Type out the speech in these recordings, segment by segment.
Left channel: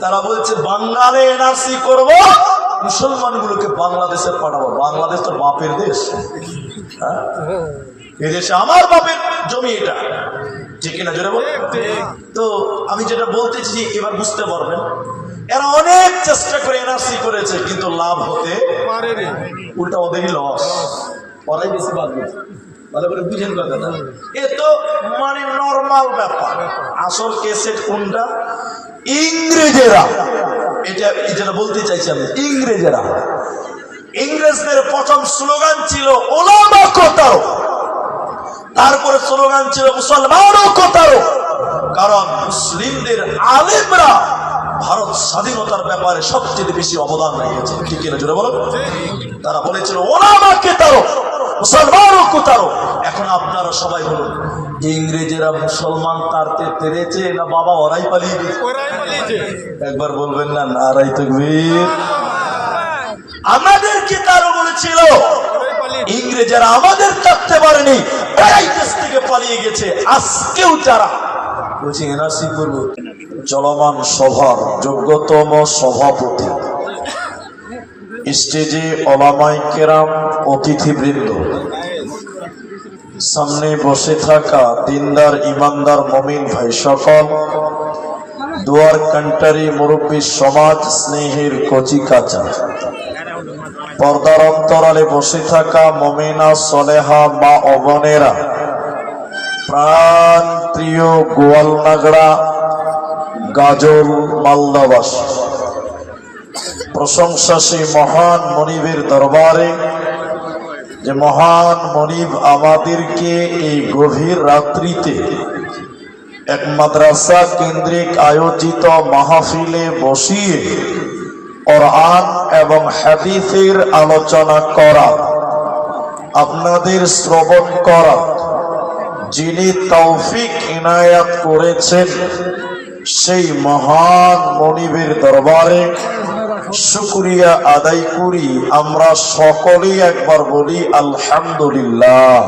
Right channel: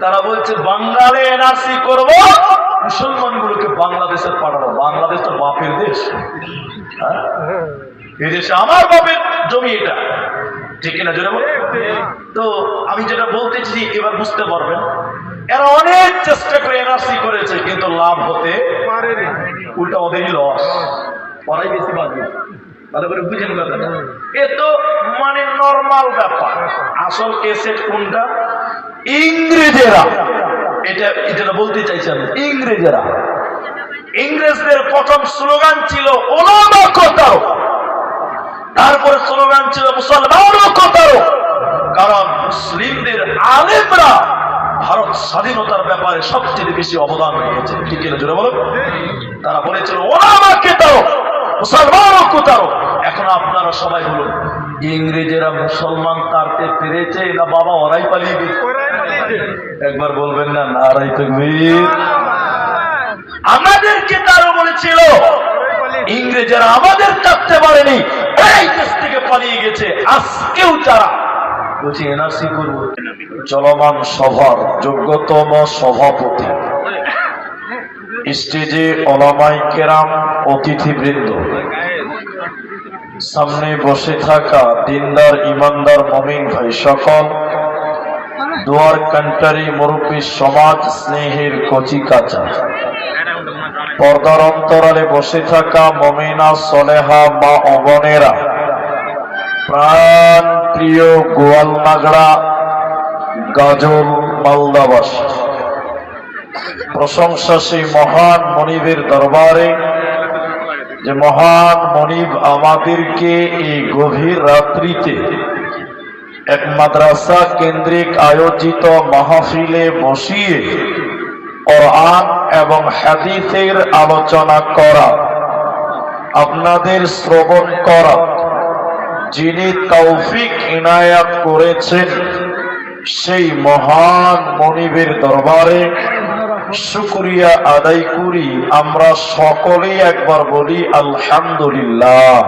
তারা বলছে বাঙালি এনআরসি করব, মুসলমানগুলোকে বাংলাদেশে পাঠাবো। বাংলাদেশ তো বাপের দেশ, এই দেশে আমার বাপের জমি, এটা ঠিক কিনা জোরে বল। তো আমি যেটা বলতেছি এবার বুঝতে পারবেন, এরা অনেক চেষ্টা করে এনআরসি করেছে কিন্তু লাভ হতে পারেনি, উল্টা ওদেরই লস, ওরাই বেশি বাঁচবে। ভালো করে বুঝেন কথাটা। এ তো মানে নর্মাল ব্যাপার। আসল কেসেট কোনটা? ইংরেজেরা, এটা যেটা বলতে চাইছি আমি, ইংরেজদের প্রথম স্লোগান ছিল ওলামা কোতারো, তারপরে স্লোগান ছিল মুসলমানও কোতারো। কারণ মুসলিমদের আলেমরা ভারত স্বাধীনতার ব্যাপারে সবচেয়ে বেশি অবদান রেখেছে, ঠিক কিনা জোরে বলো। তারা বলেছিল ওলামা কেতারো, মুসলমানও কোতারো। এখন আপনারা সবাই বলুন, ইংরেজেরা মুসলমান তাড়তে পেরেছে না বাবা ওরাই পালিয়ে গেছে? একবার বলবেন না নারাই তাকবীর। আমাদেরকে তারও বলেছিল ইংরেজেরা আমাদের থাকতে পারেনি, এই দেশ থেকে পালিয়ে গেছে। আজকেও যারা বলছে এনআরসি করবো, চলমান সভার যোগ্যতম সভাপতি, স্টেজে ওলামায়ে কেরাম, অতিথিবৃন্দ, সামনে বসে থাকা দিনদার ইমানদার মুমিন ভাই সকল, দুয়ার কান্টারি মুরব্বী সমাজ, স্নেহের কচি কাঁচা, পর্দার অন্তরালে বসে থাকা মুমিনা সলেহা মা ও বোনেরা, প্রাণ প্রিয় গোয়ালনাগড়া গাজল মালদাবাসী, প্রশংসা সেই মহান মনিবের দরবারে যে মহান মনিব আমাদেরকে এই গভীর রাত্রিতে এক মাদ্রাসা কেন্দ্রিক আয়োজিত মাহফিলে বসিয়ে কোরআন এবং হাদিসের আলোচনা করা, আপনাদের শ্রবণ করা, যিনি তৌফিক ইনায়াত করেছেন সেই মহান মনিবের দরবারে শুকরিয়া আদায় করি। আমরা সকলেই একবার বলি আলহামদুলিল্লাহ।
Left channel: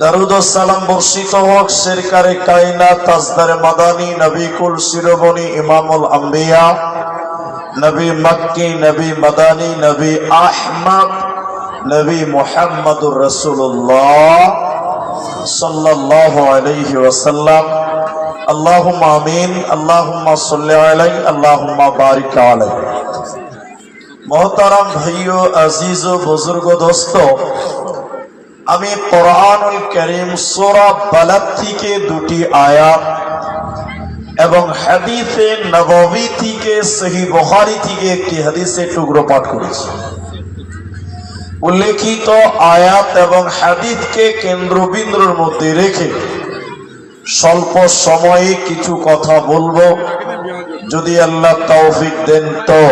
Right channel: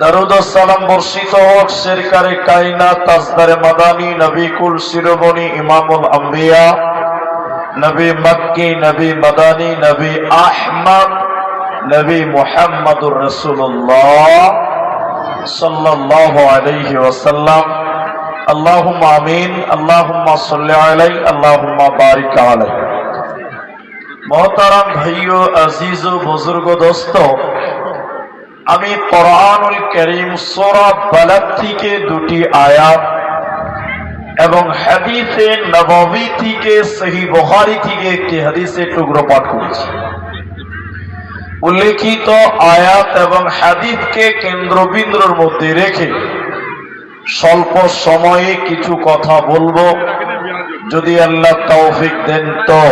দরুদ ও সালাম বর্ষিত হোক সরকারে কায়নাত তাজদারে মাদানী নবী কুল শিরোমণি ইমামুল আম্বিয়া, নবী মক্কি, নবী মাদানী, নবী আহমদ, নবী মুহাম্মদুর রাসূলুল্লাহ সাল্লাল্লাহু আলাইহি ওয়াসাল্লাম। আল্লাহুম্মা আমিন, আল্লাহুম্মা সাল্লি আলাইহি, আল্লাহুম্মা বারিক আলাইহি। মোহতারাম ভাইও, আজিজ ও বুজুর্গ দোস্ত, আমি কোরআনুল কারীম সূরা বালাদ থেকে দুটি আয়াত এবং হাদিসে নববী থেকে সহিহ বুখারী থেকে একটি হাদিসের টুকরো পাঠ করেছি। উল্লেখিত আয়াত এবং হাদিসকে কেন্দ্রবিন্দুর মধ্যে রেখে স্বল্প সময়ে কিছু কথা বলবো, যদি আল্লাহ তৌফিক দেন তো।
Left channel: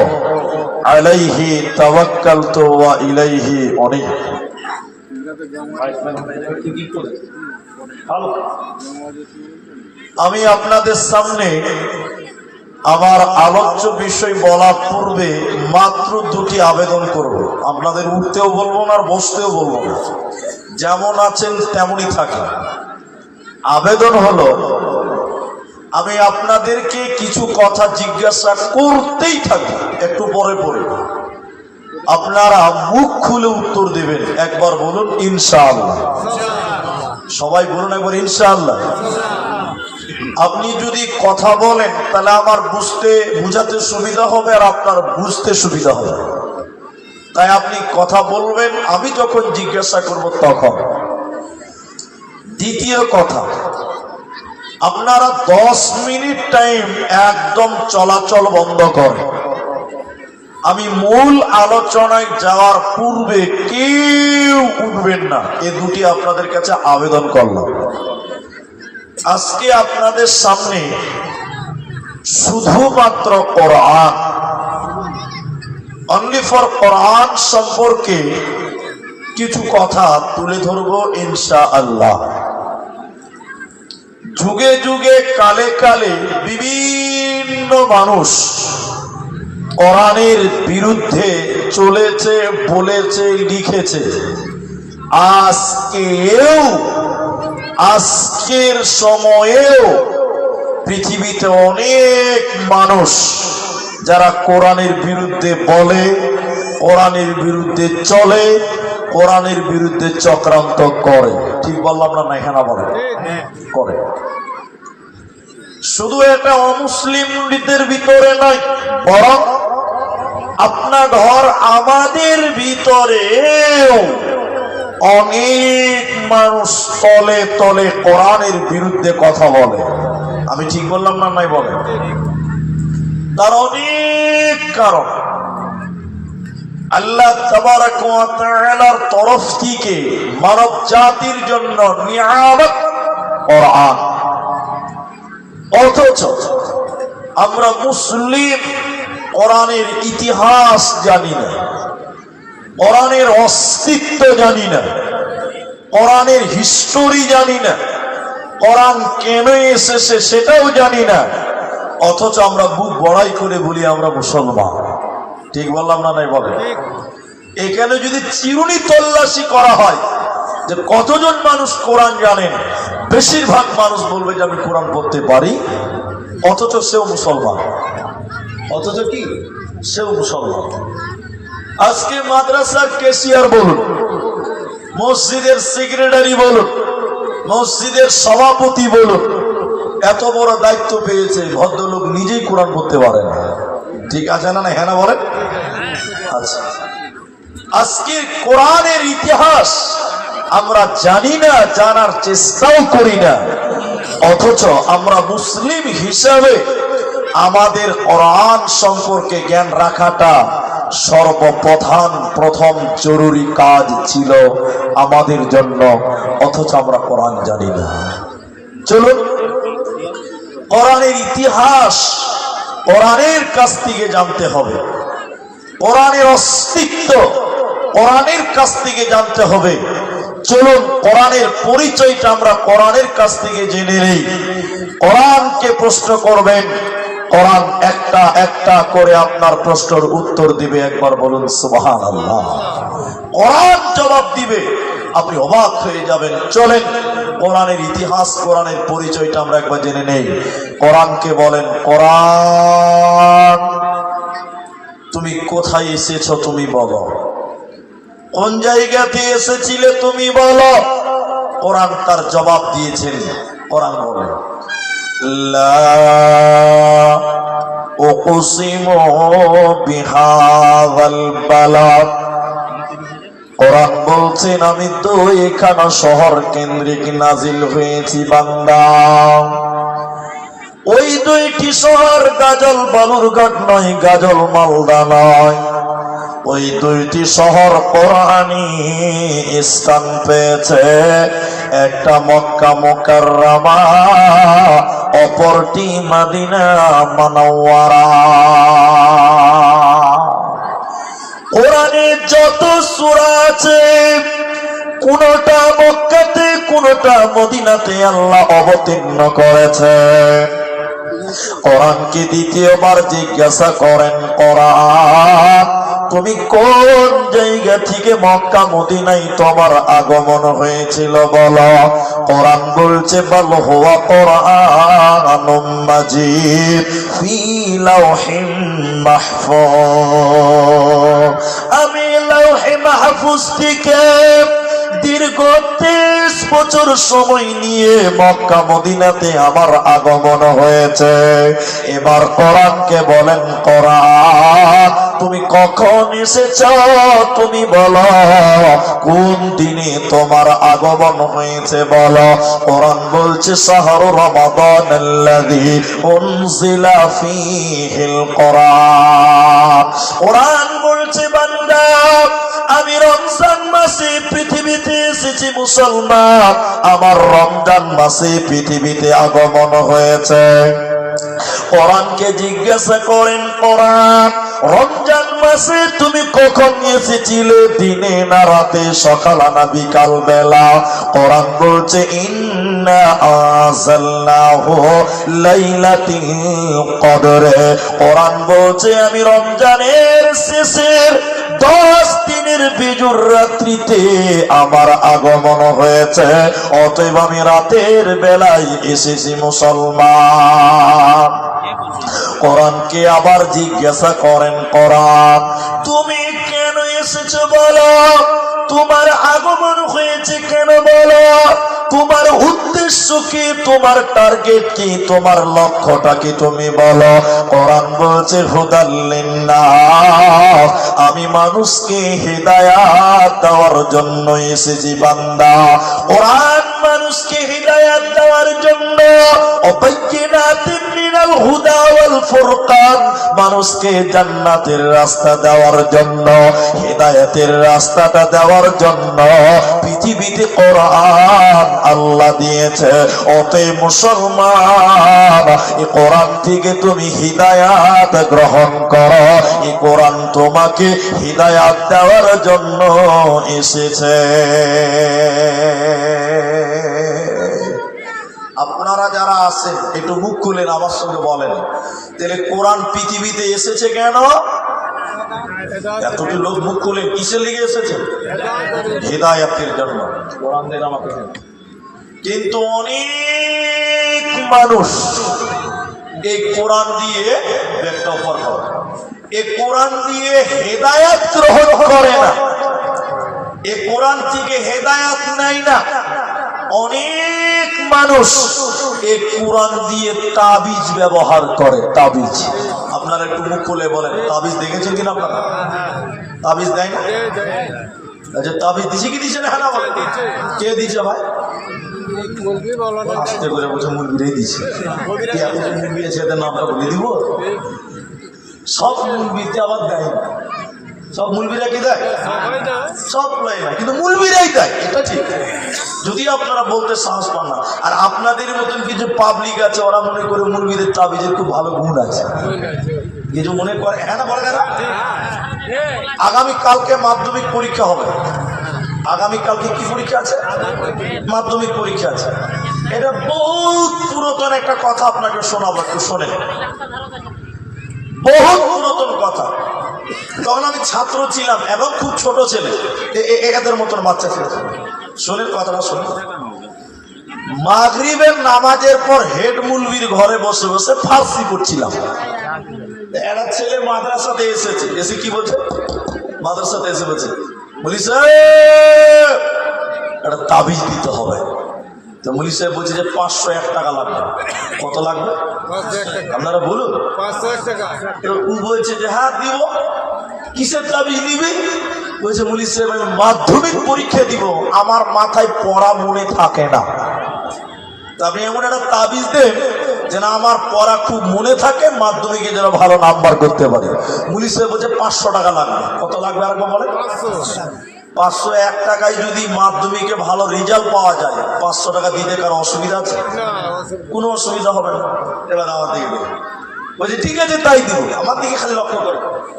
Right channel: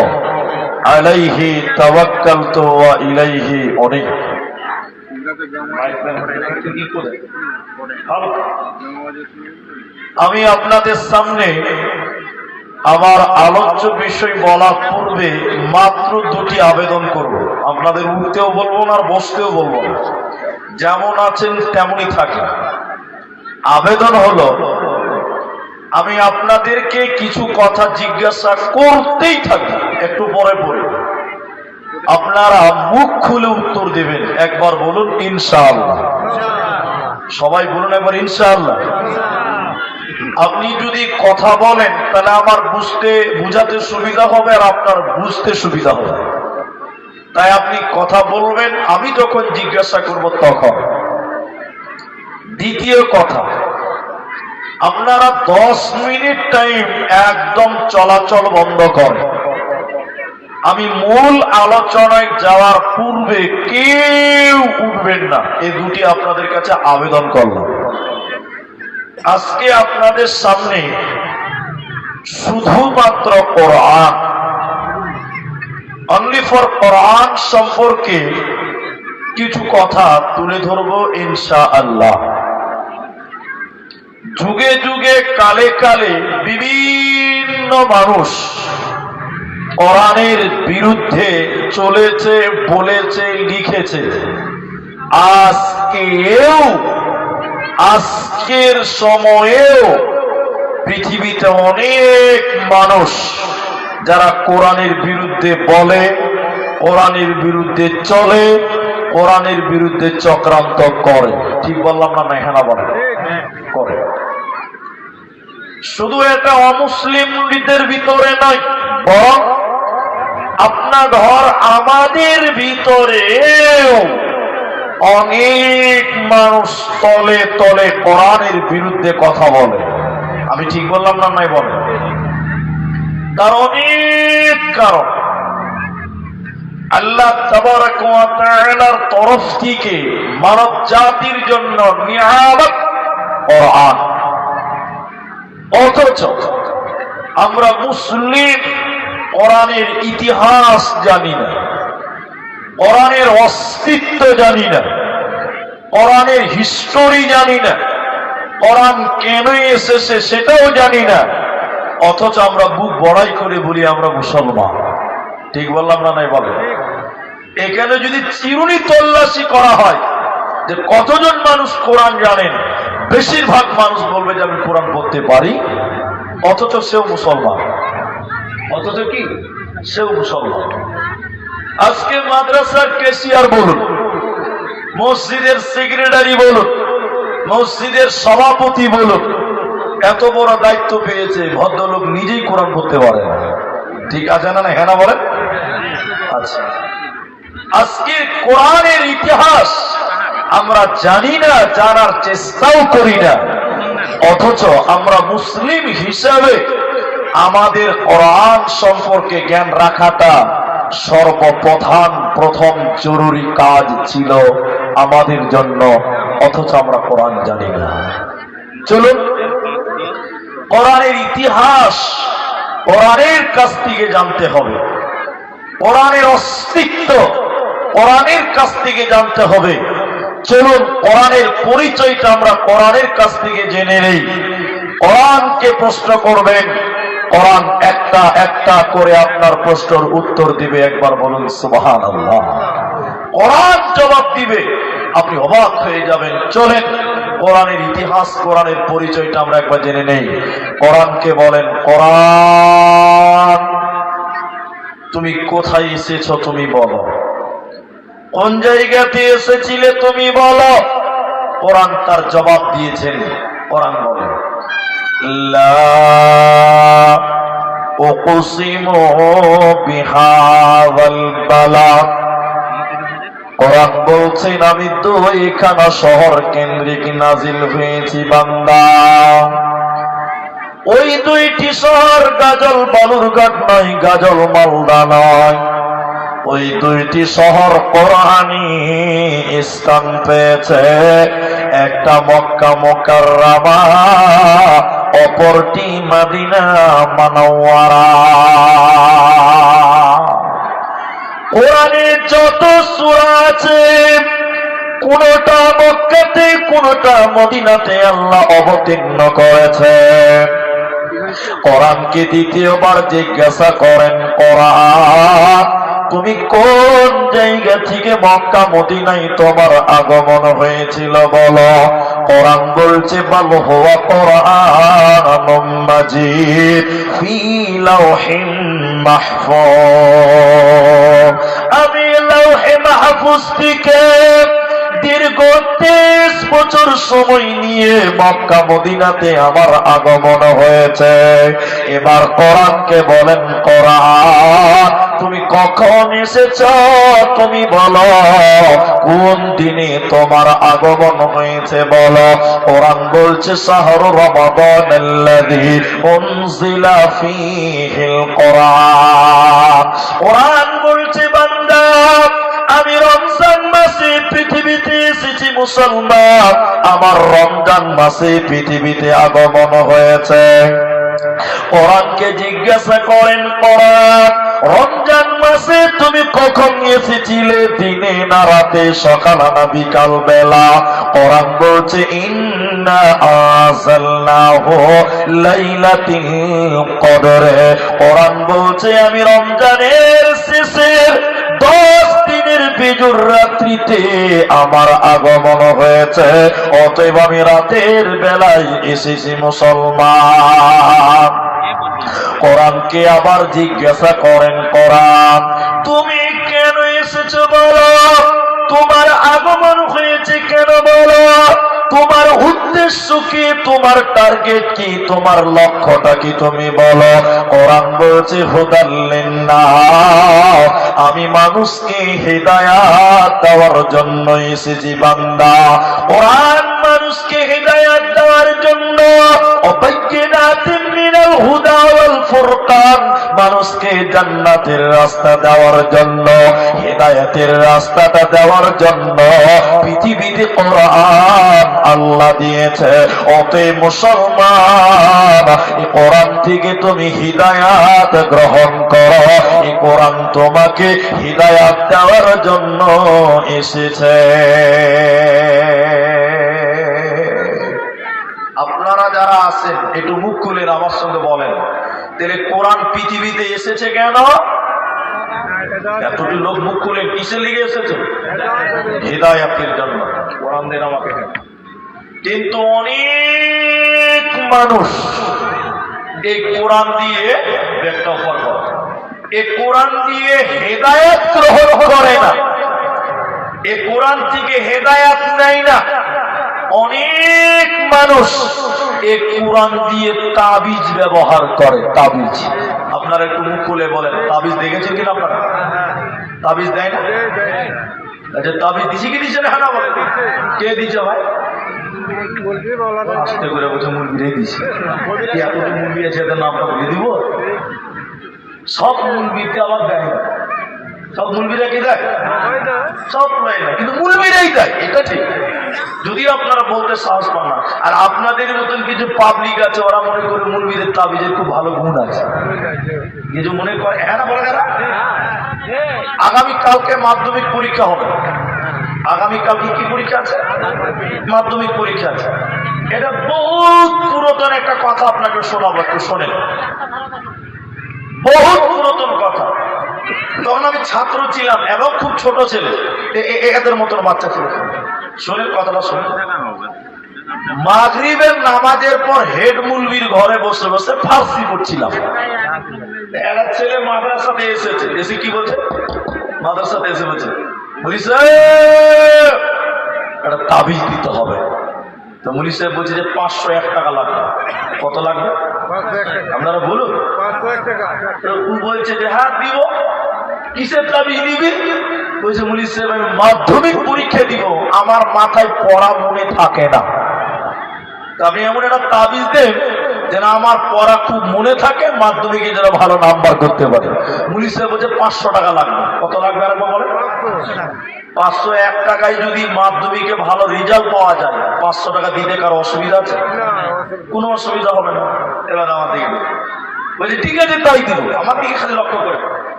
আলাইহি তাওয়াক্কালতু ওয়া ইলাইহি উনীব। আমি আপনাদের সামনে আমার আলোচ্য বিষয় বলার পূর্বে মাত্র দুটি আবেদন করব। আপনাদের উঠতেও বলবো না আর বসতেও বলবো না, যেমন আছেন তেমনই থাকেন। আবেদন হলো, আমি আপনাদেরকে কিছু কথা জিজ্ঞাসা করতেই থাকি, একটু পরে পরে আপনারা মুখ খুলে উত্তর দেবেন। একবার বলুন ইনশাআল্লাহ। সবাই বলুন একবার ইনশাআল্লাহ। আপনি যদি কথা বলেন তাহলে আমার বুঝাতে সুবিধা হবে আর আপনার বুঝতে সুবিধা হবে, তাই আপনি কথা বলবেন, আমি যখন জিজ্ঞাসা করব তখন। দ্বিতীয় কথা, আপনারা 10 মিনিট টাইম একদম চলাচল বন্ধ করেন। আমি মূল আলোচনায় যাওয়ার পূর্বে কেউ উঠবেন না, এই দুটি আপনাদের কাছে আবেদন করলাম। আজকে আপনাদের সামনে শুধুমাত্র কোরআন, অনলি ফর কোরআন সম্পর্কে কিছু কথা তুলে ধরবো ইনশাআল্লাহ। যুগে যুগে কালে কালে বিভিন্ন মানুষ কোরআনের বিরুদ্ধে চলেছে, বলেছে, লিখেছে। আজকের সময়েও পৃথিবীতে অনেক মানুষ যারা কোরআনের বিরুদ্ধে বলে, কোরআনের বিরুদ্ধে চলে, কোরআনের বিরুদ্ধে চক্রান্ত করে। ঠিক বললাম না? এখানে বলে করে। শুধু এটা অমুসলিমদের ভিতরে নয়, বরং আপনার ঘর আমাদের ভিতরেও অনেক মানুষ তলে তলে কোরআনের বিরুদ্ধে কথা বলে। আমি ঠিক বললাম না? নাই বলে। তার অনেক কারণ। আল্লাহ তাবারাক ওয়া তাআলার তরফ থেকে মানব জাতির জন্য নিয়ামত কোরআন। অথচ আমরা মুসলিম কোরআনের ইতিহাস জানি না, কোরআনের অস্তিত্ব জানি না, কোরআনের হিস্টোরি জানি না, কোরআন কেন এসেছে সেটাও জানি না। অথচ আমরা বুক বড়াই করে বলি আমরা মুসলমান। ঠিক বললাম না? নাই বলে। এখানে যদি চিরুনি তল্লাশি করা হয় যে কতজন মানুষ কোরআন জানেন, বেশিরভাগ মানুষ বলবে যে আমি কোরআন পড়তে পারি, অথচ সেও মুসলমান। অথচ কি? সেও মুসলমান। আজকে মাদ্রাসার ক্যাশিয়ার বলুন, মসজিদের সেক্রেটারি বলুন, মসজিদের সভাপতি বলুন, এত বড় দায়িত্ব পেয়েছে, ভদ্রলোক নিজেই কোরআন পড়তে পারে না। ঠিক আছে না? হ্যাঁ না বলেন? আচ্ছা, আজকে কোরআনের ইতিহাস আমরা জানি না, জানার চেষ্টাও করি না। অথচ আমরা মুসলিম হিসাবে আমাদের কোরআন সম্পর্কে জ্ঞান রাখাটা প্রথম জরুরি কাজ ছিল আমাদের জন্য। অথচ আমরা কোরআন জানি না। চলুন কোরআনের ইতিহাস কোরআনের কাছ থেকে জানতে হবে, কোরআনের অস্তিত্ব কোরআনের কাছ থেকে জানতে হবে। চলুন কোরআনের পরিচয়টা আমরা কোরআনের কাছ থেকে জেনে নেই। কোরআনকে প্রশ্ন করবেন, কোরআন একটা একটা করে আপনার প্রশ্নের উত্তর দিবে। একবার বলুন সুবহানাল্লাহ। কোরআন জবাব দিবে, আপনি অবাক হয়ে যাবেন। চলেন কোরআনের ইতিহাস, কোরআনের পরিচয়টা আমরা একবার জেনে নেই। কোরআনকে বলেন, কোরআন তুমি কোথায় এসেছো তুমি বলো, কোন জায়গাতে এসেছিলে তুমি বলো। কোরআন তার জবাব দিয়েছেন। কোরআন বলে, লা উকসিমু বিহাযাল বালাদ। কোরআন বলছেন আমি তো এখানে শহর কেন্দ্রিক নাজিল হয়েছি বান্দা। ওই দুইটি শহর গাজল বালুরঘাট নয়, গাজল মালদা নয়। ওই দুইটি শহর কোরআনী স্থান পেয়েছে। একটা মক্কা মুকাররমা, অপরটি মদিনা মুনাওয়ারা। কোরআনে যত সূরা আছে কোনটা মক্কাতে কোনটা মদিনাতে আল্লাহ অবতীর্ণ করেছে। কোরআনকে দ্বিতীয়বার জিজ্ঞাসা করেন, কোরআন তুমি কোন জায়গা থেকে মক্কা মদিনায় তোমার আগমন হয়েছিল বলো। কোরআন বলছে, বাল হুয়া কোরআনুম মাজিদ ফি লাওহিন মাহফুজ। আমি লাওহে মাহফুজ থেকে দীর্ঘ 23 বছর সময় নিয়ে মক্কা মদিনাতে আমার আগমন হয়েছে। এবার কোরআনকে বলেন, কোরআন তুমি কখন এসেছ তুমি বলো, কোন দিনে তোমার আগমন হয়েছে বলো। কোরআন বলছে, শাহরু রমাদানাল্লাযী উনজিলা ফীহিল কোরআন। কোরআন বলছে, বান্দা আমি রমজান মাসে পৃথিবীতে এসেছি মুসলমান, আমার রমজান মাসে পৃথিবীতে আগমন হয়েছে। কোরআনকে জিজ্ঞাসা করেন, কোরআন রমজান মাসে তুমি কখন এসেছিলে, দিনে না রাতে, সকাল না বিকাল বেলা? কোরআন বলছে ইন্না আনজালনাহু লাইলাতুল কদরে। কোরআন বলছে আমি রমজানের শেষের 10 দিনের বিজুর রাত্রিতে আমার আগমন হয়েছে, অতএব আমি রাতের বেলায় এসেছি মুসলমান। কোরআনকে আবার জিজ্ঞাসা করেন, কোরআন তুমি কেন এসেছো বলো, তোমার আগমন হয়েছে কেন বলো, তোমার উদ্দেশ্য কি, তোমার টার্গেট কি, তোমার লক্ষ্যটা কি তুমি বলো। কোরআন বলছে হুদাল লিন্নাস, আমি মানুষকে হিদায়াত দেওয়ার জন্য এসেছি বান্দা। কোরআন মানুষকে হিদায়াত দেওয়ার জন্য, অবাইয়িনাতিন মিনাল হুদা ওয়াল ফুরকান, মানুষকে জান্নাতের রাস্তা দেওয়ার জন্য, হিদায়াতের রাস্তাটা দেওয়ার জন্য পৃথিবীতে কোরআন আল্লাহ দিয়েছে। অতএব মুসলমান, এই কোরআন থেকে তুমি হিদায়াত গ্রহণ করো। এই কোরআন তোমাকে হিদায়াত দেওয়ার জন্য এসেছে। আপনারা যারা আছেন একটু মুখ খুলেন আমার সঙ্গে বলেন, তাহলে কোরআন পৃথিবীতে এসেছে কেন? এতটি লোক মুখ খুলেন, কিসে লেগে এসেছে? হিদায়াতের জন্য। কোরআন দেন আমাকে। কিন্তু অনেক মানুষ এই কোরআন দিয়ে ব্যক্ত করে, এই কোরআন দিয়ে হেদায়েত গ্রহণ করে না, এই কোরআন থেকে হেদায়েত নেয় না। অনেক মানুষ এই কোরআন দিয়ে তাবিজ ব্যবহার করে। তাবিজ আপনারা একটু মুখ খুলে বলেন, তাবিজ দেখেছেন কিনা আপনারা? তাবিজ দেয় না? আচ্ছা, তাবিজ দিছে কি দিছে না? হ্যাঁ বলেন, কে দিছে ভাই? আস্তে করে বলছে মুরগিরাই দিছে। এতটি মুরগি আছে, এদের নামটা বলে দিব? সব মুরগিতে আবার দেয় না। সব মুলবিরা কি দেয়? সব দেয় না, কিন্তু মুলবিরাই দেয়, এটা ঠিক। যদিও আপনারা বলতে সাহস পান না। আর আপনাদের মতন কিছু পাবলিক আছে, ওরা মনে করে মুলবিদের তাবিজের খুব ভালো গুণ আছে, কিছু মনে করে। হ্যাঁ না বলে না? আগামী কালকে মাধ্যমিক পরীক্ষা হবে। আগামী কালকে কি পরীক্ষা আছে? মাধ্যমিক পরীক্ষা আছে। এটা বহুত পুরাতন একটা কথা আপনাকে শোনাবো, একটু শোনেন। বহুত পুরাতন কথা। তখন আমি ছাত্র ছিলাম এবং খুব ছোট ছেলে, এদের মতন বাচ্চা ছিল। শোনেন কথাটা, শোনেন। মাগরিবের নামাজের পর হেড মুলবির ঘরে বসে বসে ফার্সি পড়ছিলাম। একটা ছেলে মাদ্রাসাতে এসেছে, এসে কি বলছে? মাদ্রাসাতে এসে বলছে, মুলি সাহেব একটা তাবিজ দিতে হবে। তো মুলি সাহেব বলছে যে 501 টাকা লাগবে। কত লাগবে আপনারা বলুন? 501 টাকা। ও বলছে যে হ্যাঁ দিব। কিসের তাবিজ নিবি? বলছে মুলি সাহেব আমি মাধ্যমিক পরীক্ষা দিব, আমার মাথায় পড়া মনে থাকে না, আপনি এমন একটা তাবিজ দেন যেন আমার পড়া খুব মনে থাকে, মাধ্যমিকে যেন ভালো নাম্বার করতে পারে। মুলি সাহেব বলছে 500 টাকা লাগবে। কত লাগবে আরেকবার বলেন? 501 টাকায় যদি মাধ্যমিকে ভালো রেজাল্ট পাওয়া যায়, 500 টাকা দিতে কারো অসুবিধা আছে? কোনো অসুবিধা হবে না। এবার আমার দিকে বলছে ঠিক আছে তাই দিব, আমার দিকে খালি লক্ষ্য করে।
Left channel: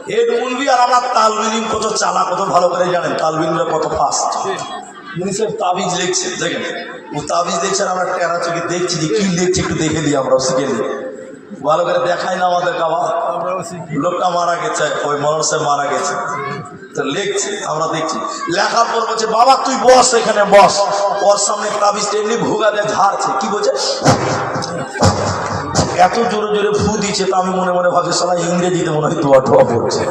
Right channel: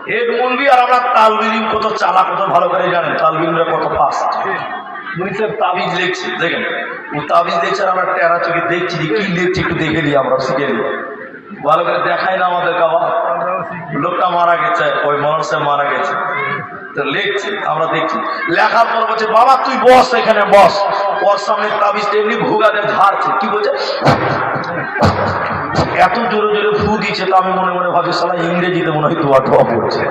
হেড মুলবি আর আমরা তালবিলিম কত চালা, কত ভালো করে জানেন তালবিলরা কত ফাস্ট। মুনি সাহেব তাবিজ লিখছে, দেখেন ও তাবিজ দেখছে আর আমরা টেরা চোখে দেখছি যে কি লিখছে, একটু দেখে নিই, আমরা শিখে নিই। ভালো করে দেখাই না আমাদের বাবা, লোকটা মারা গেছে, ওই মৌলানা সাহেব মারা গেছে, তো লিখছে, আমরা দেখছি। লেখার পর বলছে বাবা তুই বস, এখানে বস। ওর সামনে তাবিজটা এমনি ভুগা দিয়ে ঝাড়ছে। কি বলছে? এত জোরে জোরে ফু দিচ্ছে, তো আমি মনে মনে ভাবছি সালা ইংরেজিতে মনে হয় দোয়া টোয়া পড়ছে।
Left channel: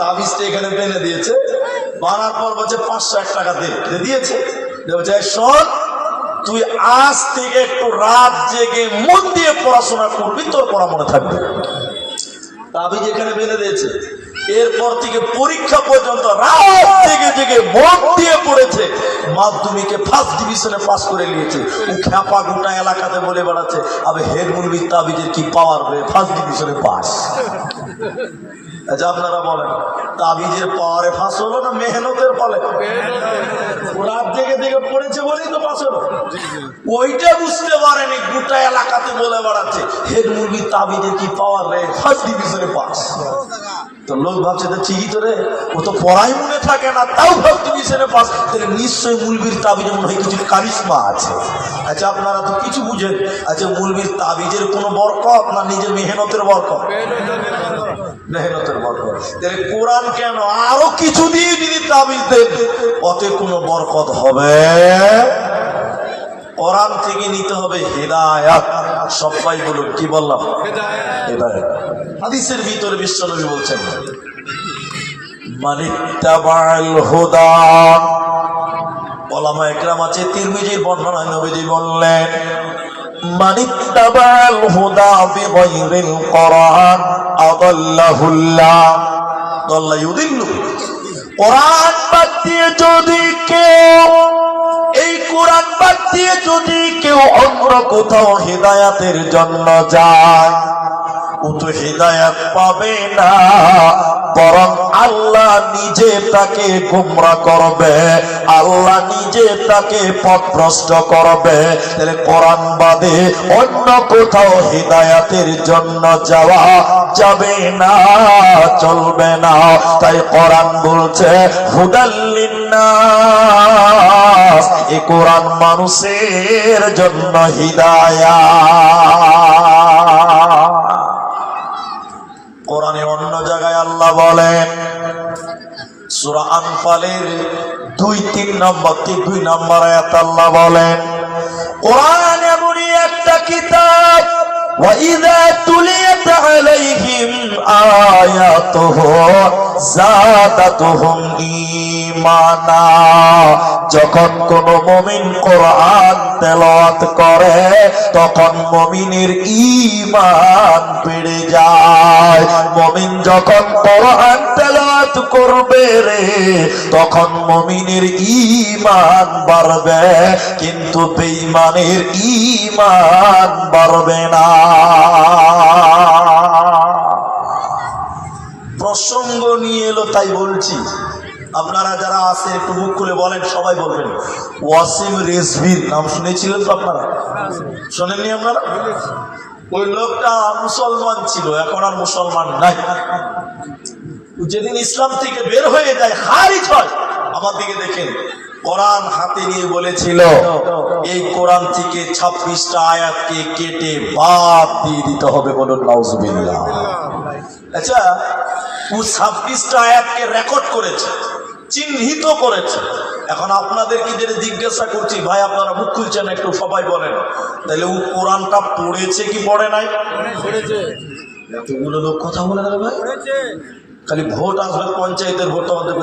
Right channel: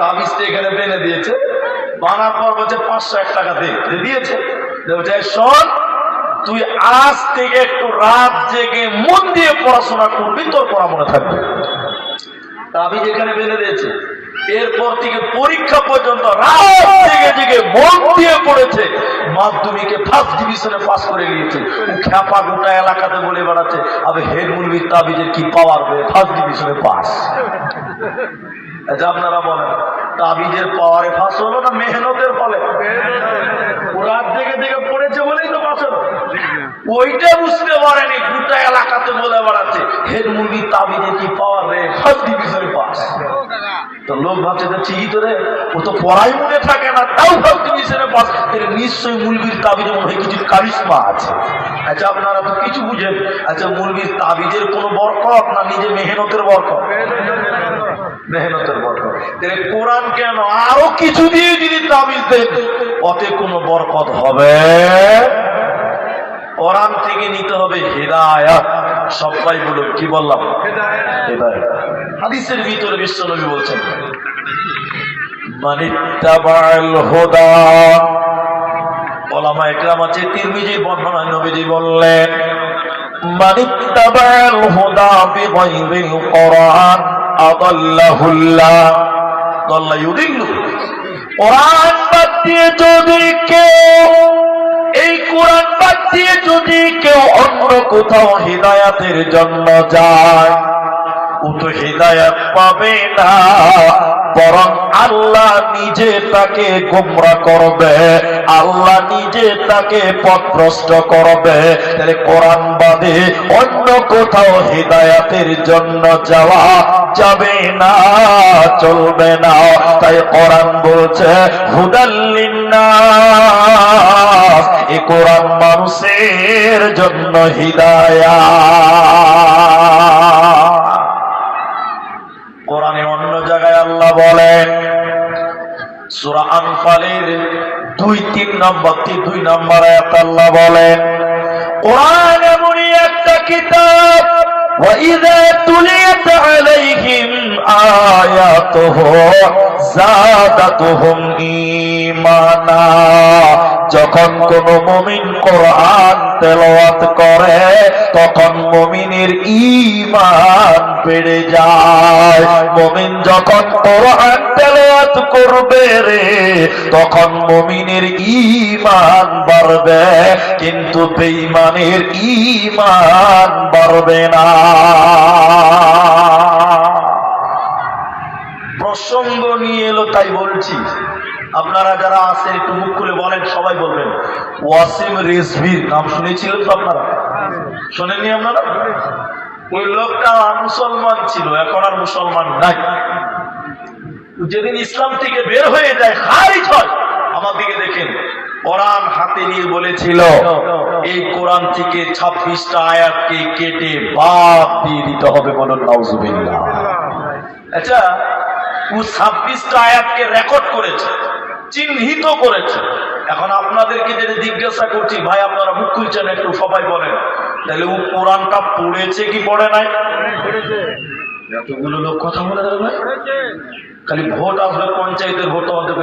তাবিজটা এখানে বেঁধে দিয়েছে, বানার পর বলছে 501 টাকা দিয়েছে। শোন তুই আজ থেকে একটু রাত জেগে মন দিয়ে পড়াশোনা করবি, তোর পড়া মনে থাকবে। তাবিজ এখানে বেঁধে দিয়েছে। এরপর থেকে পরীক্ষা পর্যন্ত রাত জেগে জেগে মন দিয়ে পড়েছে, মাধ্যমিকে ফার্স্ট ডিভিশনে পাস করে নিয়েছে। ও খ্যাপা গোটা এলাকাতে বলে বেড়াচ্ছে আবে হেড মুলবির তাবিজের কি পাওয়ার, ফার্স্ট ডিভিশনে পাস। আচ্ছা আপনারা বলেন তাবিজের পাওয়ারে ফাঁস হলো না মেহনতের ফলে? রাত থেকে থেকে পড়েছে বলেই তো পাস হলো। ওইটা বুঝতে পারেনি, গোটা এলাকাতে বলে বেড়াচ্ছে হেড মুলবির তাবিজের কি পাওয়ার রে, ফার্স্ট ডিভিশনে পাস। তো লোক ভাবছে তো ঠিকই তো রে, ও তো পড়াই মনে থাকে না, তাও ভাবছে মিশনে পাস, নিশ্চয়ই মুলবির তাবিজে মনে হয় কিছু কারিশমা আছে। আচ্ছা আপনারা তো কিছু বুঝেন, আচ্ছা মুলবির তাবিজের কোনো বরকত না নিজে মেহনতের বরকত? মেহনতের বরকত। তাহলে কোরআন কেন আরো কিছু দিয়ে যদি তাবিজ দেন, ওতে কোনো বরকত হবে? কোরআন থেকে নিতে হবে হেদায়াত। সবাই বলুন কি বললাম? হেদায়াত। হাদিসের ভিতরে বিশ্বনবী বলছেন মানিত্তাবাল হুদা, ওলামা ইকরাম আছে তিরমিজির বর্ণনা, নবীজি বললেন মানিত্তাবাল হুদা বিগাইরিল কোরআন আদাল্লাহুল্লাহ দাল্লা ইউদিল্লু। কোরআন বাদ দিয়ে যদি কেউ, এই কোরআন বাদ দিয়ে যদি কেউ অন্য কোথাও হিদায়াতের জন্য যায়, ও তো হিদায়াত পাবে না, বরং আল্লাহ নিজে তাকে গোমরা করবে, আল্লাহ নিজে তাকে পথভ্রষ্ট করবে। তাহলে কোরআন বাদে অন্য কোথাও হিদায়াতের জন্য যাওয়া যাবে না, চলবে না। তাই কোরআন বলছে হুদাল লিন্নাস, এই কোরআন মানুষের জন্য হিদায়াত। কোরআনে অন্য জায়গায় আল্লাহ বলেন সূরা আনফালের 2 নম্বর আয়াত আল্লাহ বলেন কোরআন এমনই একটা কিতাব وَإِذَا تُلِيَتْ عَلَيْهِمْ آيَاتُهُ زَادَتْهُمْ ঈমানা। যখন কোন মুমিন কোরআন তেলাওয়াত করে তখন মুমিনের ঈমান বেড়ে যায়। মুমিন যখন কোরআন তেলাওয়াত করবে রে তখন মুমিনের ঈমান বাড়বে, কিন্তু বেঈমানের ঈমান বাড়বে না। প্রসঙ্গ নিয়ে এলো তাই বলছি, আপনারা যারা আছেন একটু মুখ খুলে বলেন, সবাই বলবেন ওয়াসিম রিজভির নাম শুনেছিলেন তো আপনারা? শোনেননি আপনারা? ওই লোকটা মুসলমান ছিল, এখন আর মুসলমান নাই। যেদিন ইসলাম থেকে বের হয়ে যায়, খারিজ হয়, আমার দিকে দেখেন, কোরআন হাতে নিয়ে বলেছিল এই কোরআন থেকে 26টা আয়াতকে কেটে বাদ দিয়ে দিতে হবে। বলুন নাউজুবিল্লাহ। আচ্ছা, ও 26টা আয়াতকে রেকর্ড করেছে, চিহ্নিত করেছে। এখন আপনাদেরকে যেটা জিজ্ঞাসা করছি, ভাই আপনারা মুখ খুলছেন একটু, সবাই বলেন, তাহলে ও কোরআনটা পড়েছে কি পড়ে নাই? এতগুলো লোক কথা বলে দেবে ভাই, খালি ভোট আসবে, পঞ্চায়েতের ভোট আমাদের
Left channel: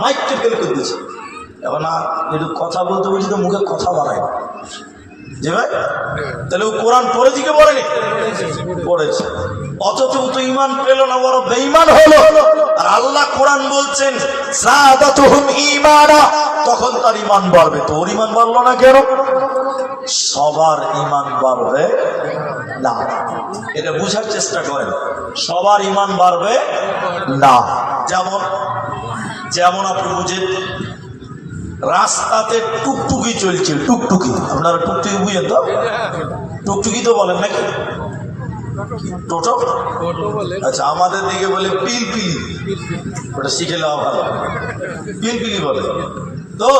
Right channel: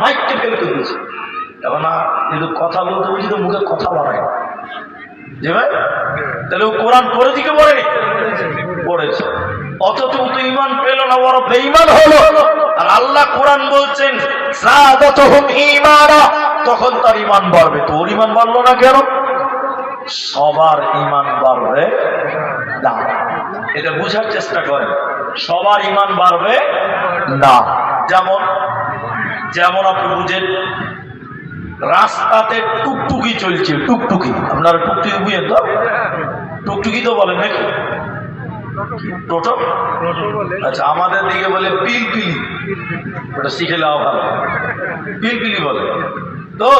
মাইককে ফেল করে দিচ্ছে। এখন একটু কথা বলতে বলছি তো মুখে কথা বাড়ায় যে ভাই, তাহলে ও কোরআন পড়েছে কি পড়েনি? পড়েছে। অথচ ও তো ঈমান পেল না, বড় বেঈমান হলো। আর আল্লাহ কোরআন বলছেন যাদাতুহুম ঈমানা, তখন তার ঈমান বাড়বে। তো ওর ঈমান বাড়লো না কেন? সবার ঈমান বাড়বে না, এটা বুঝার চেষ্টা করেন। সবার ঈমান বাড়বে না। যেমন আপনি বুঝেন, রাস্তাতে টুকটুকি চলছে, টুকটুকি, আপনারা টুকটুকি বুঝেন তো? টুকটুকি তো বলেন নাকি? টোটো? আচ্ছা, আমাদের দিকে বলে পিলপিলি, ওটা শিখে নেওয়া ভালো। পিলপিলি বলে। তো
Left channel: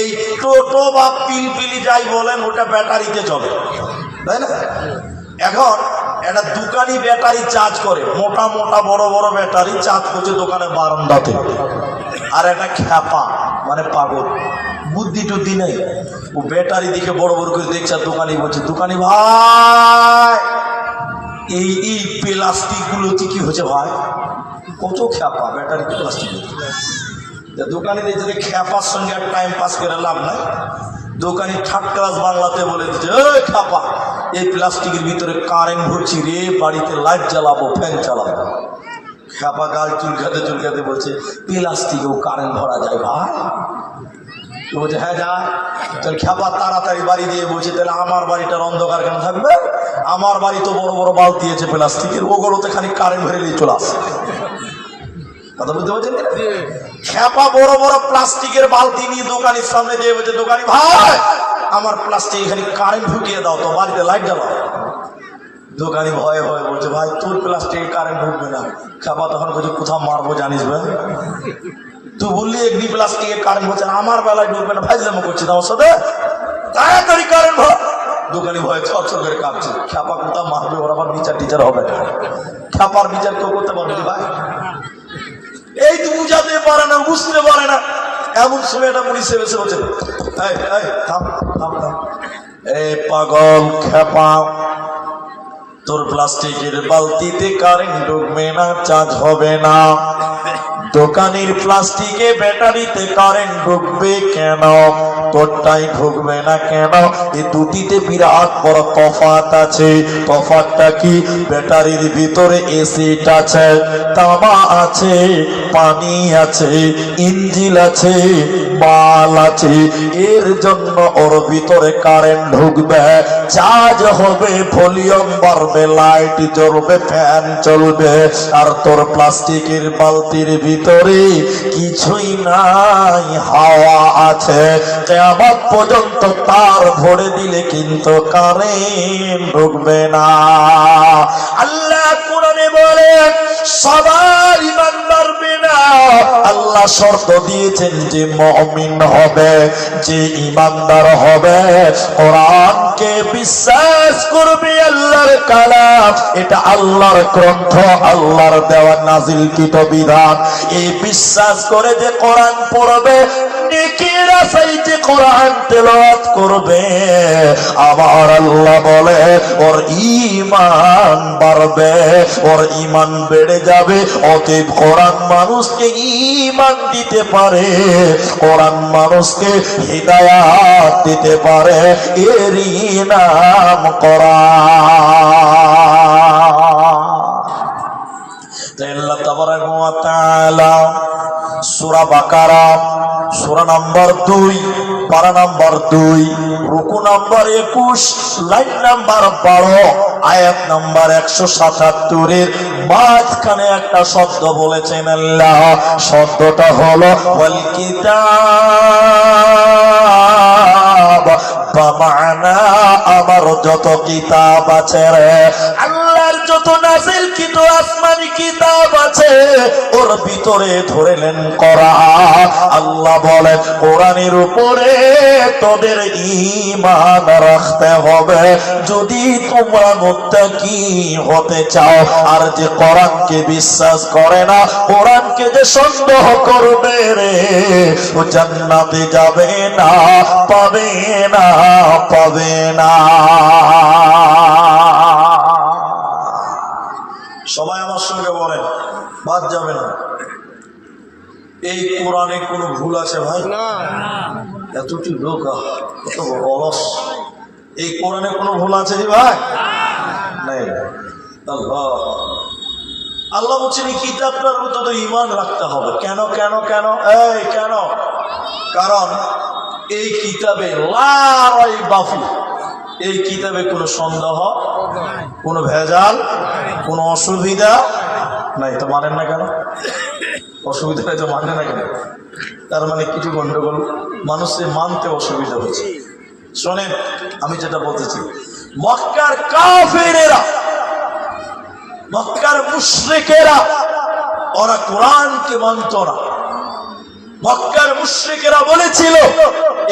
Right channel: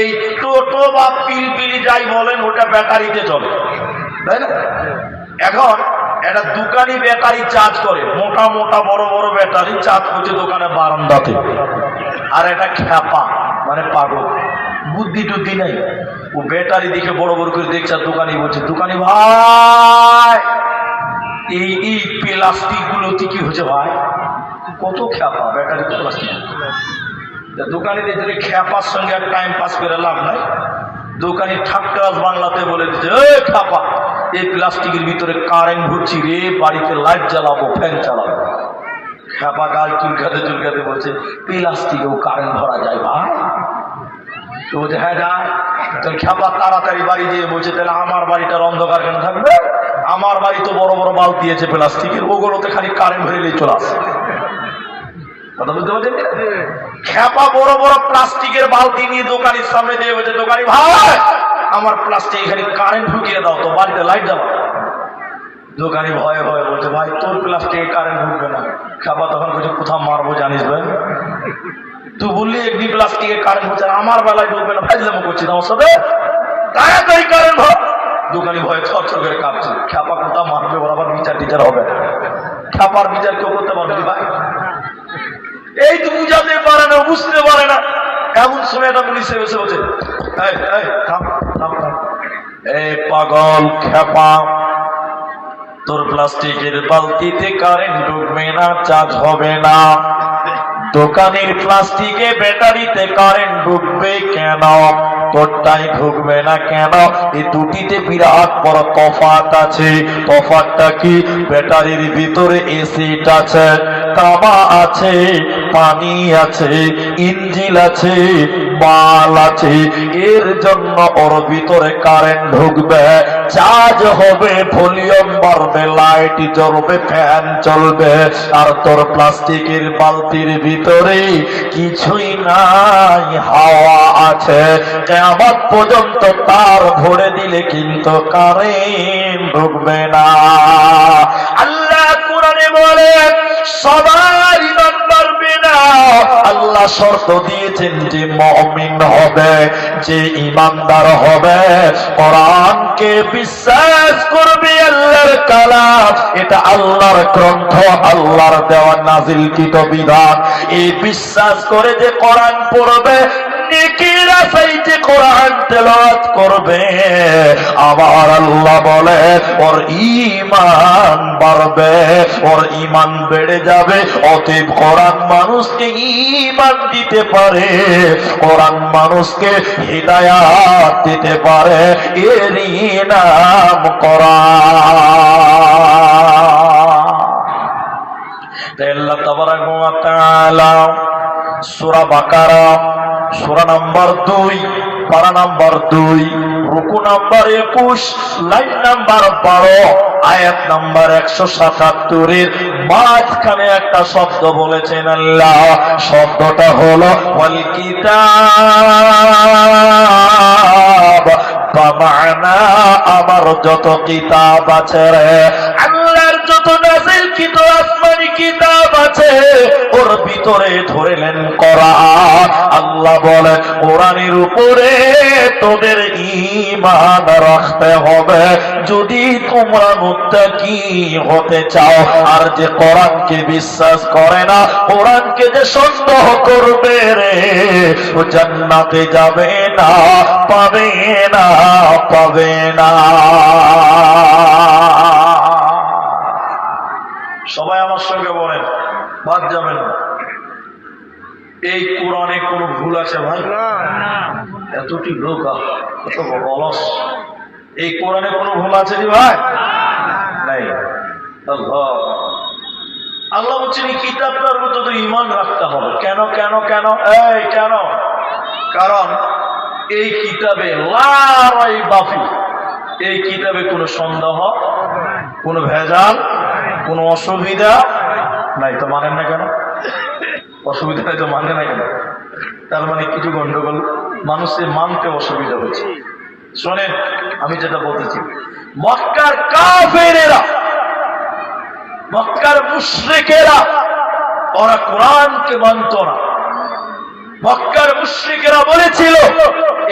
এই টোটো বা পিলপিলি যাই বলেন, ওটা ব্যাটারিতে চলে, তাই না? এখন একটা দোকানি ব্যাটারি চার্জ করে, মোটা মোটা বড় বড় ব্যাটারি চার্জ করছে দোকানে বারান্দাতে। আর একটা খ্যাপা মানে পাগল, বুদ্ধি টুদ্ধি নেই, ও ব্যাটারি দিকে বড় বড় করে দেখছে। আর দোকানি বলছে, দোকানি ভাই এই প্লাস্টিক গুলোতে কি হচ্ছে ভাই? কত খ্যাপা ব্যাটারি প্লাস্টিক। দোকানি দেখছে খ্যাপার সঙ্গে আর টাইম পাস করে লাভ নাই। দোকানি ঠাট্টাস বাংলাতে বলে দিচ্ছে, এই খ্যাপা, এই প্লাস্টিকের ভিতরে কারেন্ট ভরছি রে, বাড়িতে লাইট জ্বালাবো, ফ্যান চালাবো। খ্যাপা গাল চুলকাতে চুলকাতে বলছে, প্লাস্টিকেও কারেন্ট ভরা যায় ভাই? তো বলছে হ্যাঁ যা। তোর খ্যাপা তাড়াতাড়ি বাড়ি দিয়ে বলছে, তাহলে আমার বাড়িটার অন্ধকার কেন থাকবে? আমার বাড়ি তো বড় বড় বালতি আছে প্লাস্টিকের, ওগুলোতে খালি কারেন্ট ভরেলেই চলে আসে। কথা বুঝতে পারছেন? খ্যাপা বড় বড় প্লাস্টিকের বালতি নিয়ে দোকানের সামনে দিয়ে বলছে, দোকানি ভাই আমার প্লাস্টিক খালি কারেন্ট ঢুকিয়ে দাও তো, বাড়িতে লাইট জ্বালাও। দোকানি ভয়ে ভয়ে বলছে, ভাই তোর প্লাস্টিকে কারেন্ট ঢুকবে না। খাপা তখন বলছে, কোথাও মারবো জানিস ভাই? তুই বললি এমনি প্লাস্টিকে কারেন্ট হচ্ছে, আমার বেলায় ঢুকবে না, ফাইজলামো করছি তোমার সাথে, তাড়াতাড়ি কারেন্ট ভর। দোকানি ভয়ে চরচর করে কাঁপছে, খাপা কোথাও মারবে, ওর আবার বিচার টিচার হবে না। খাপার বিচার কেউ করতে পারবে ভাই? এই তো বুঝাতে পারে না, বুঝতে পারে না। এমন সময় একটা পুলিশ এসে বলছে, থাম থাম থাম, এই পাগল খেপা, তোর প্লাস্টিকের বালতিতে কারেন্ট ঢুকবে না, চার্জ হবে না। দোকানের প্লাস্টিকে ব্যাটারিতে কারেন্ট ঢুকবে কেন? তোরটাই ঢুকবে না কেন? এই দুটিতে বিরাট বড় তফাৎ আছে। তফাৎটা কি? ব্যাটারির ভিতরে এসিড আছে, তামা আছে, পানি আছে, ইঞ্জিন আছে, মাল আছে। এর জন্য ওর ভিতরে কারেন্ট ঢুকবে, চার্জ হবে, ভলিউম বাড়বে, লাইট জ্বলবে, ফ্যান চলবে। আর তোর প্লাস্টিকের বালতির ভিতরে কিছুই নাই, হাওয়া আছে। কিয়ামত পর্যন্ত তার ভরে দিলে কিন্তু কারেন্ট ঢুকবে না। আল্লাহ কোরআনে বলে সবার ঈমান বাড়বে না। আল্লাহ শর্ত দিয়েছেন যে মুমিন হবে, যে ঈমানদার হবে, কোরআনকে বিশ্বাস করবে, আল্লাহর কালাম, এটা আল্লাহর গ্রন্থ, আল্লাহর দেওয়া নাজিলকৃত বিধান। এই বিশ্বাস করে যে কোরআন পড়বে, নেকির আশায় যে কোরআন তেলাওয়াত করবে, আমার আল্লাহ বলে ওর ঈমান বাড়বে, ওর ঈমান বেড়ে যাবে। অতএব কোরআন মানুষকে ঈমান দিতে পারে, কোরআন মানুষকে হিদায়াত দিতে পারে, এরই নাম কোরআন। তাই আল্লাহ তাবারাক ওয়া তাআলা সূরা বাকারা সূরা নাম্বার 2, পারা নাম্বার 2, রুকু নাম্বার 21, লাইন নাম্বার 12, আয়াত নাম্বার 177 এর মাঝখানে একটা শব্দ বলেছেন আল্লাহ। শব্দটা হলো ওয়াল কিতাব, বামানা আমার যত কিতাব আছে রে, আল্লাহর যত নাযিলকৃত আসমানি কিতাব আছে, ওর ভিতরে ধরেলেন কোরআন। আল্লাহ বলেন কোরআনের উপরে তোদের ঈমান রাখতে হবে যদি তোমরা মুত্তাকি হতে চাও। আর যে কোরআনকে বিশ্বাস করে না, কোরআনকে যে সন্দেহ করবে রে, ও জান্নাতে যাবে না, পাবে না, পাবে না। সবাই আমার সঙ্গে বলেন, বাদ যাবে না। এই কোরআনে কোনো ভুল আছে ভাই? এতটি লোক কত অলস। এই কোরআনে কোনো ভুল আছে জি ভাই? নাই। আল্লাহ আল্লাহ বলছেন এই কিতাবটার মধ্যে তো ঈমান রাখতে হবে। কেন কেন কেন? এই কেন? কারণ এই কিতাবে লা রাইবা ফি, এই কিতাবে কোনো সন্দেহ, কোনো ভেজাল, কোনো অসুবিধা নাই। তো মানেন না কেন? অসুবিধা নাই তো মানে না কেন? তার মানে কিছু গন্ডগোল, মানুষের মানতে অসুবিধা হচ্ছে। শোনেন, আমি যেটা বলতেছি, মক্কার কাফেরেরা, মক্কার মুশরিকেরা, ওরা কোরআনকে মানত না। মক্কার মুশরিকেরা বলেছিল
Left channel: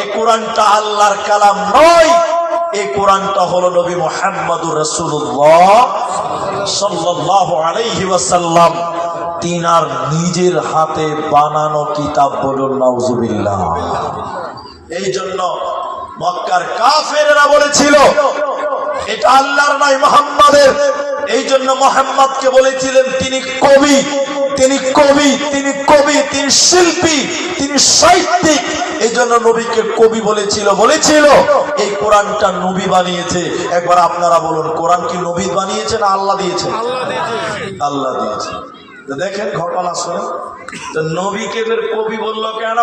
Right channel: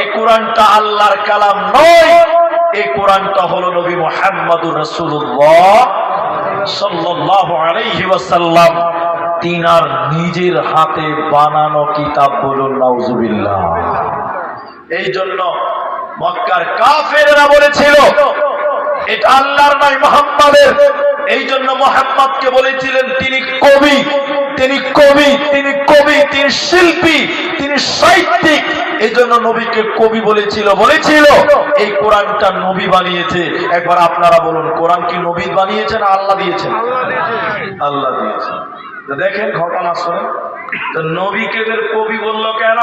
এই কোরআনটা আল্লাহর কালাম নয়, এই কোরআনটা হলো নবী মুহাম্মদুর রাসূলুল্লাহ সাল্লাল্লাহু আলাইহি ওয়াসাল্লাম তিনার নিজের হাতে বানানো কিতাব। বলুন নাউজুবিল্লাহ। এই জন্য মক্কার কাফেররা বলেছিল এটা আল্লাহর নয়, মুহাম্মাদের। এই জন্য মুহাম্মদকে বলেছিলেন তিনি কবি, তিনি কবি, তিনি কবি, তিনি শিল্পী, তিনি সাহিত্যিক। এই জন্য নবীকে কবি বলেছিল। বলেছিল এই কোরআনটা নবী বানিয়েছে। একবার আপনারা বলুন, কোরআন কি নবী বানিয়েছে না আল্লাহ দিয়েছেন? আল্লাহ দিয়েছেন। তো দেখেন ঘটনা শুনে, তো নবীকে ফের কবি বললো কেন?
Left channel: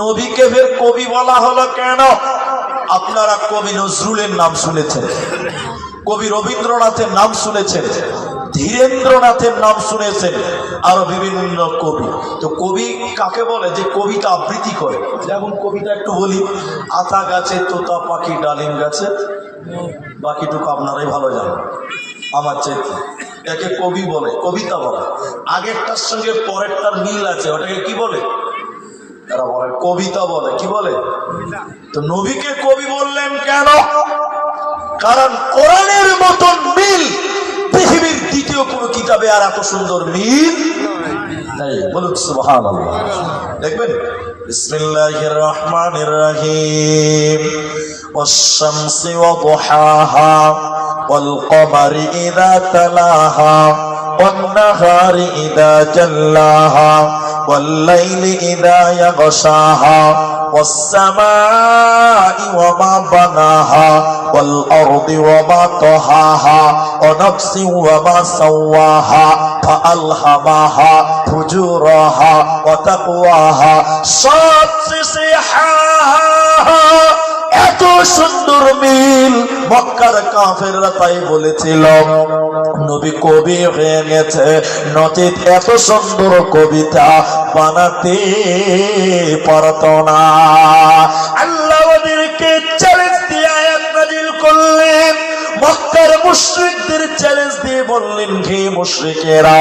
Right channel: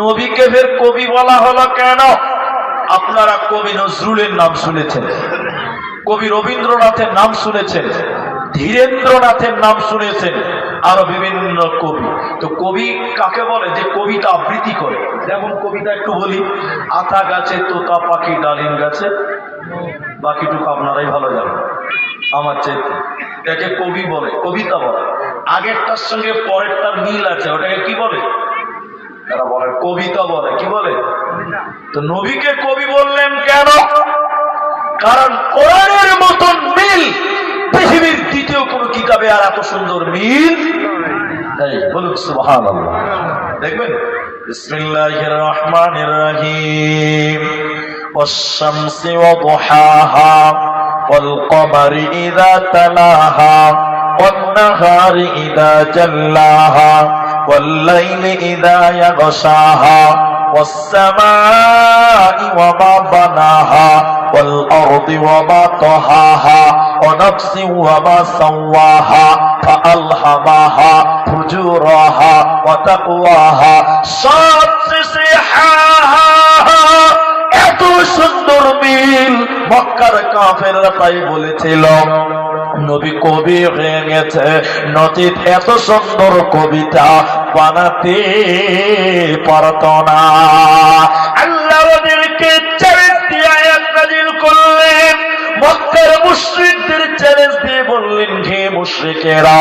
নবীকে ফের কবি বলা হলো কেন? আপনারা কবি নজরুলের নাম শুনেছেন, কবি রবীন্দ্রনাথের নাম শুনেছেন, ধীরেন্দ্রনাথের নাম শুনেছেন, আরো বিভিন্ন কবি। তো কবি কাকে বলে? যে কবিতা আবৃত্তি করে। যেমন কবিতা একটু বলি, আতা গাছে তোতা পাখি ডালিম গাছে, বাকিটুকু আপনারাই ভালো জানেন আমার চাইতে। একে কবি বলে, কবিতা বলে। আগেরটার সঙ্গে পরেরটার মিল আছে, ওটাকে কি বলে? তারা বলে কবিতা বলে। কি বলে? তো নবীকে কবি বললেন কেন? কারণ কোরআনের মতন মিল পৃথিবীর দ্বিতীয় কোন কিতাবে আর এত সুন্দর মিল নেই। বলুন সুবহানাল্লাহ। দেখবেন, বিসমিল্লাহির রহমানির রহিম। والشمس وضحاها والقمر إذا تلاها والنهار إذا جلاها والليل إذا يغشاها والسماء وما بناها والأرض وما طحاها ونفس وما سواها فألهمها فجورها وتقواها এত সুন্দর মিল মক্কার কাফেররা তাই বলেছিল নবী কবি হয়ে গেছে, নচিত এত সুন্দর কবিতা বানাতে পারত না। আল্লাহ ওদেরকে চ্যালেঞ্জ দিয়ে আয়াত নাযিল করলেন। মক্কার মুশরিকদের চ্যালেঞ্জ দিয়ে বললেন, হে মুশরিকেরা,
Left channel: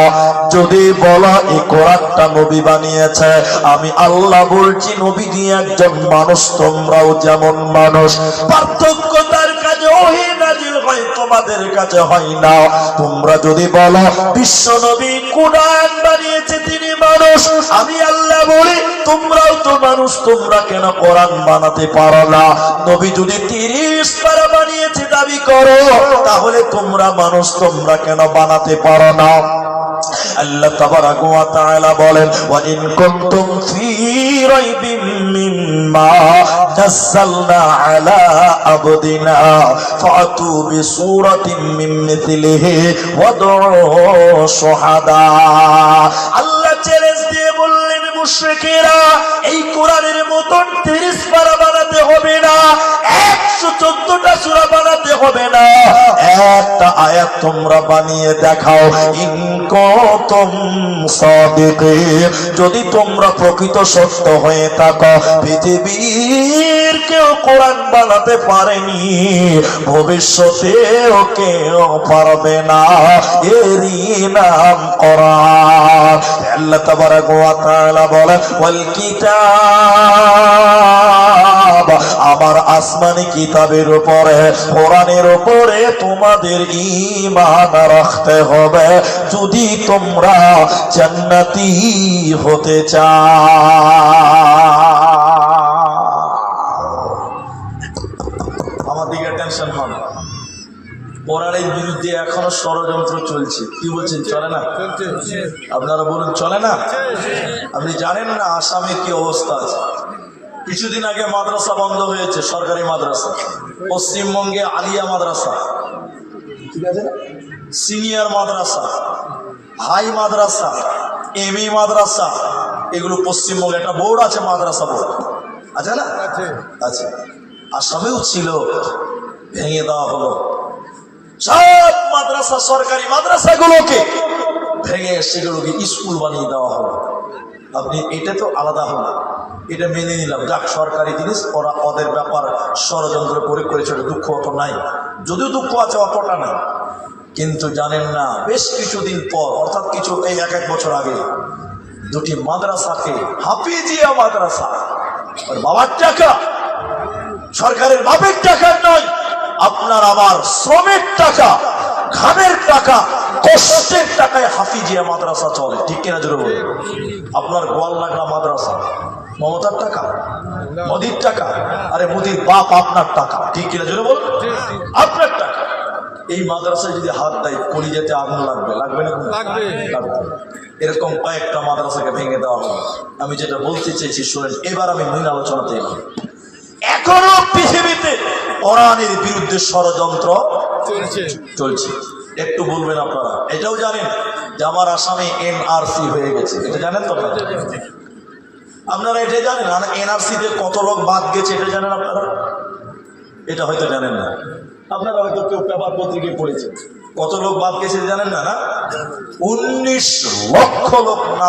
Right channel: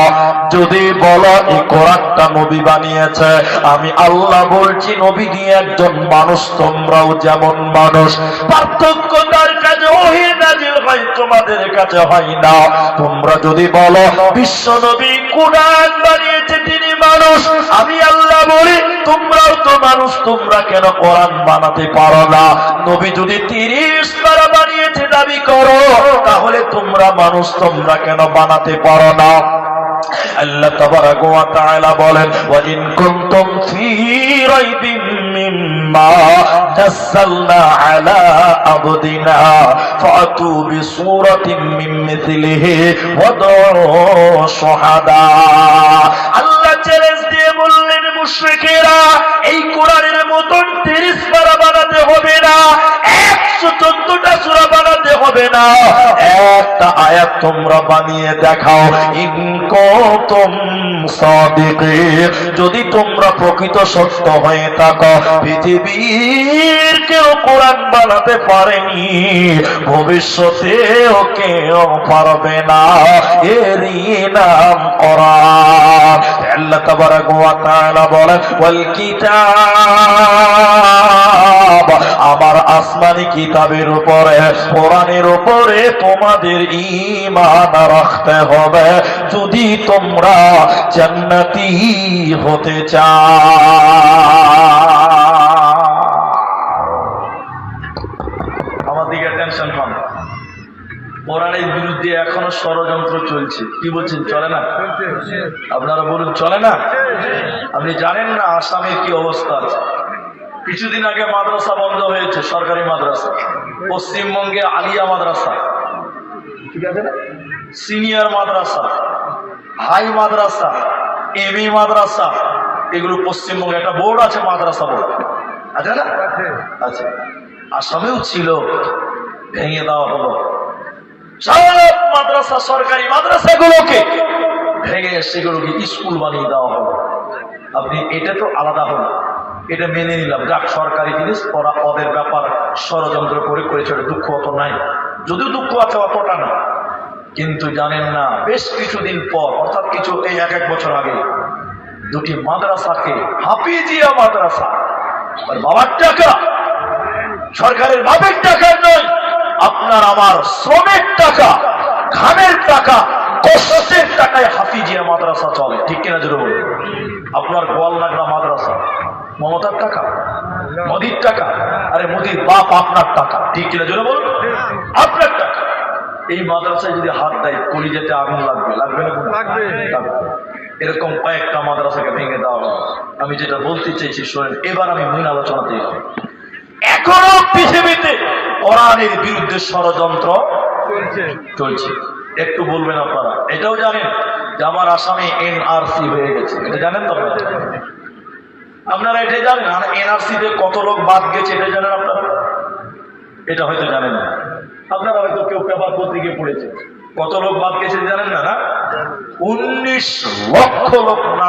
যদি বলো এই কোরআনটা নবী বানিয়েছে, আমি আল্লাহ বলছি নবী দিয়ে একজন মানুষ, তোমরাও যেমন মানুষ। পার্থক্য তার কাছে ওহী নাযিল হয়, তোমাদের কাছে হয় না। তোমরা যদি বলো বিশ্ব নবী কোরআন বানিয়েছে, তিনি মানুষ, আমি আল্লাহ বলি তোমরাও তো মানুষ, তোমরা কেন কোরআন বানাতে পারো না? নবী যদি 30 পারা বানিয়েছে দাবি করো, তাহলে তোমরা মানুষ, তোমরা কেন বানাতে পারো না? আল্লাহ তাবারাক ওয়া তাআলা বলেন, ওয়া ইন কুনতুম ফী রাইবিম মিম্মা নাযালনা আলা আবদিনা ফাতু বিসূরাতিন মিন মিথলিহি ওয়াদউ শুহাদা। আল্লাহ চ্যালেঞ্জ দিয়ে বললেন, মুশরিকেরা, এই কোরআনের মতন 30 পারা বানাতে হবে না, 114টা সূরা বানাতে হবে না, একটা আয়াত তোমরা বানিয়ে দেখাও। ইন কুনতুম সাদিকিন, যদি তোমরা প্রকৃত সত্য হয়ে থাকো। পৃথিবীর কেউ কোরআন বানাতে পারেনি, ভবিষ্যতেও কেউ পারবে না, এরই নাম কোরআন। আল্লাহ তাবারাক ওয়া তাআলা বলেন, ওয়াল কিতাব, আমার আসমানি কিতাবের উপরে, কোরআনের উপরে তোমাদের ঈমান রাখতে হবে যদি তোমরা জান্নাতি হতে চাও। আমার দিকে টেনশন কম। কোরআনের বিরুদ্ধে এখনো ষড়যন্ত্র চলছে। কি বলছেন, চলে না? আপনারা বলুন, চলে না? আপনি জানেন না আসামে কি অবস্থা আছে? কিছুদিন আগে মাদ্রাসা বন্ধ হয়েছে, সরকারি মাদ্রাসা। পশ্চিমবঙ্গে আলিয়া মাদ্রাসা, ঠিক আছে না, সিনিয়র মাদ্রাসা, হাই মাদ্রাসা, এমই মাদ্রাসা, এগুলো পশ্চিমবঙ্গে একটা বোর্ড আছে, মাদ্রাসা বোর্ড আছে না? আছে। আসামেও ছিল, ভেঙে দেওয়া হলো। সব মাদ্রাসা, সরকারি মাদ্রাসাগুলোকে ভেঙে সেগুলোকে স্কুল বানিয়ে দেওয়া হলো। আপনি এটা তো আলাদা হলো, এটা মেনে নিলাম, যাক সরকারি জিনিস, ওরা ওদের ব্যাপার ষড়যন্ত্র করে করেছে, দুঃখ অত নাই, যদিও দুঃখ আছে অতটা না। কিন্তু জানেন না, বেশ কিছুদিন পর, অর্থাৎ কিছু এই 1 বছর আগে, দুটি মাদ্রাসাকে, হাফিজিয়া মাদ্রাসা, বাবার টাকা, সরকারের বাপের টাকার নয়, আপনার আমার শ্রমের টাকা, ঘামের টাকা, কষ্টের টাকায় হাফিজিয়া মাদ্রাসা চলে, ঠিক কিনা জোরে বলুন? আপনার গোয়ালনাগরা মাদ্রাসা মমতার টাকা, মোদির টাকা, আরে মোদির বাপ আপনার টাকা, ঠিক কিনা জোরে বলুন? আপনার টাকা। এই মাদ্রাসায় যদি হাত দেয় কলিজাতে আগুন লাগবে, লাগবে না? লাগবে। এরকম কয়েকটা মাদ্রাসাকে ভেঙে দেওয়া হবে। আমি যেটা বলতে চাইছি শোনেন, এবার আমি মূল আলোচনাতে এলাম। এখনো পৃথিবীতে কোরআনের বিরুদ্ধে ষড়যন্ত্র চলছে। একটু বলবেন আপনারা, এটাও জানেন যে আমার আসামে এনআরসি হয়ে গেছে, এটা জানেন তো আপনারা? আপনারা এটা জানেন এনআরসি তে কত লোক বাদ গেছে, এটা জানেন আপনারা? এটা হয়তো জানেন না। আপনারা হয়তো কেউ পেপার পত্রিকায় পড়েছে, কত লোক বাদ গেছে জানেন না? 19 লক্ষ লোক না